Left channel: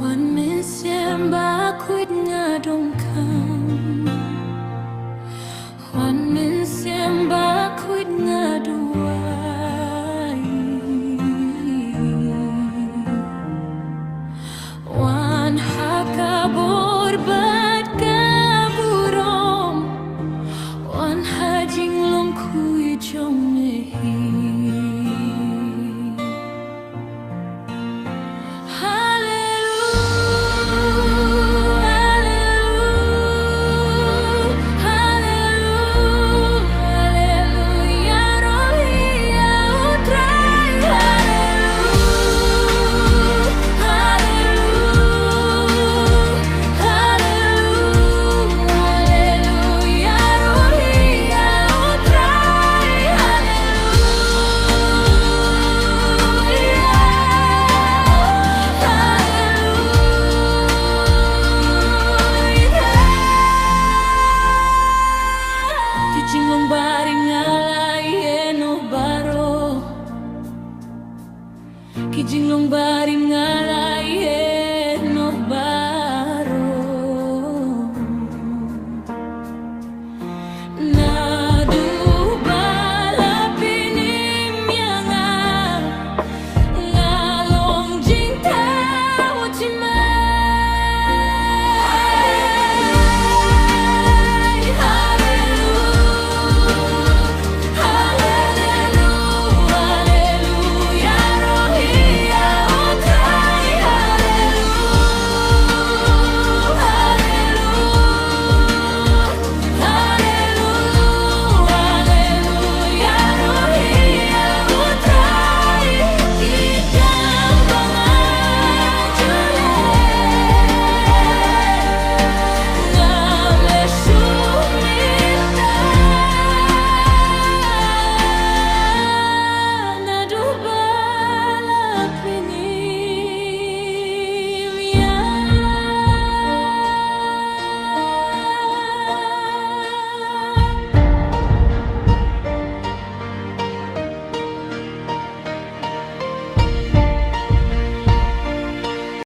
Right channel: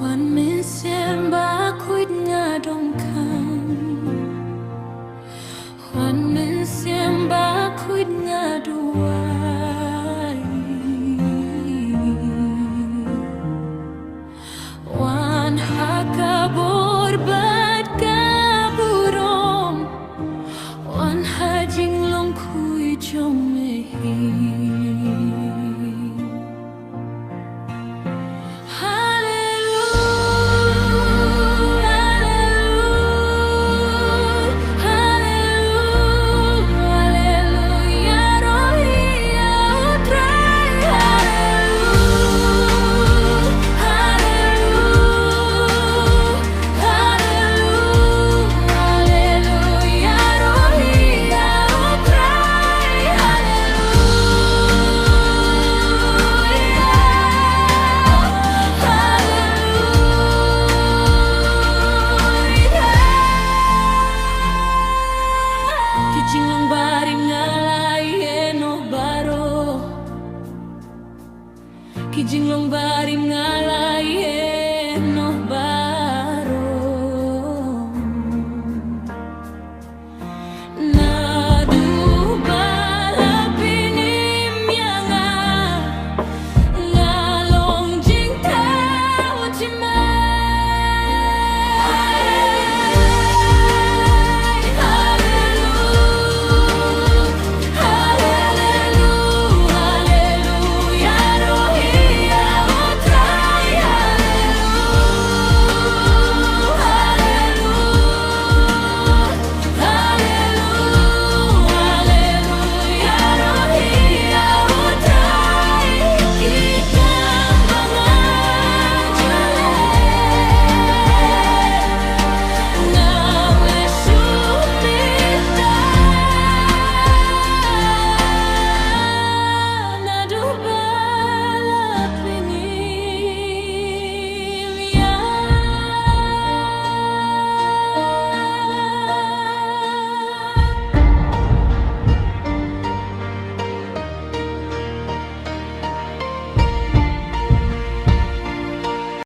Wan min siamba kuit ngadongkang, wan min siamba kuit ngaduai, wan hakabor bat kaburom, wan hajing long kui jong mehi. Kijinglong bari ngalai eno baro, kijinglong bari ngalai